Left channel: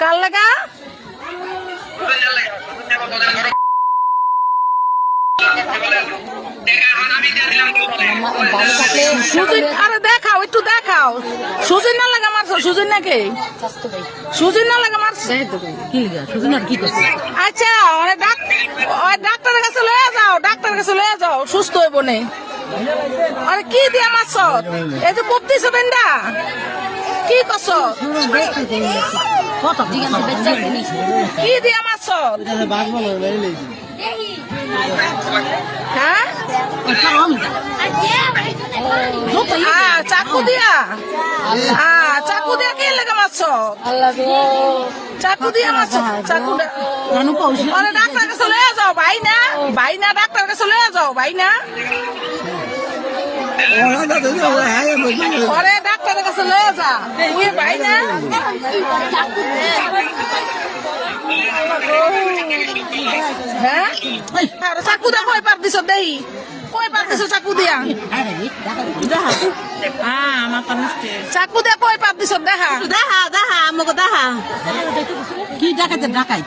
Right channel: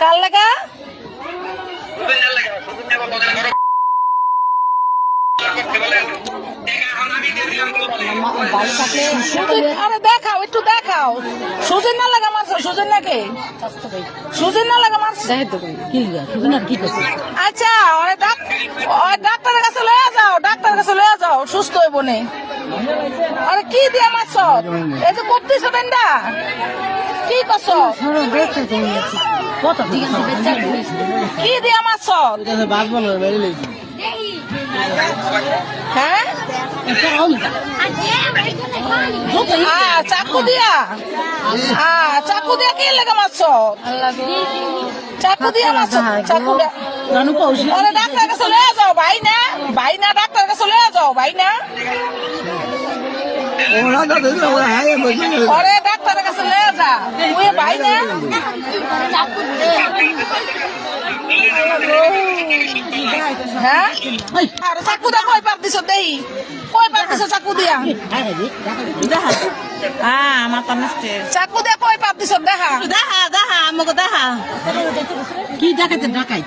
কার লাগা আরে দেখাও একটু দেখাও সুজন না লাগা মারছো সুজন নাকি সুজন না লাগা মারছো কি করছে আচ্ছা ওই ডাক্তারের কাছে লয়ে যাও ডাক্তারের কাছে লয়ে যাও সুস্থ হইব নে আরে কি দিয়া মারছো এই যে করতেছে বেন্দা কি করছো কি দিয়া মারছো হ্যাঁ চাকু দিয়া চাকু দিয়া কি লেগে মারছ চাকু দিয়া মারছ চাকু দিয়া ডাক্তার কাছে লয়ে যাও ভাই না ডাক্তার কাছে লয়ে যাও ভাই না ওরে ডাক্তারের কাছে লয়ে যা তুই ভাই না হ্যাঁ চাকু দিয়া কয় পার দিছ দেই কয় পার দিছ চাকু দিয়া আমার তো মিষ্টি চাকু দিয়া কয় পার দিছ দেখা দেখা আমাকে দেখা কি দেখাতে দেখাই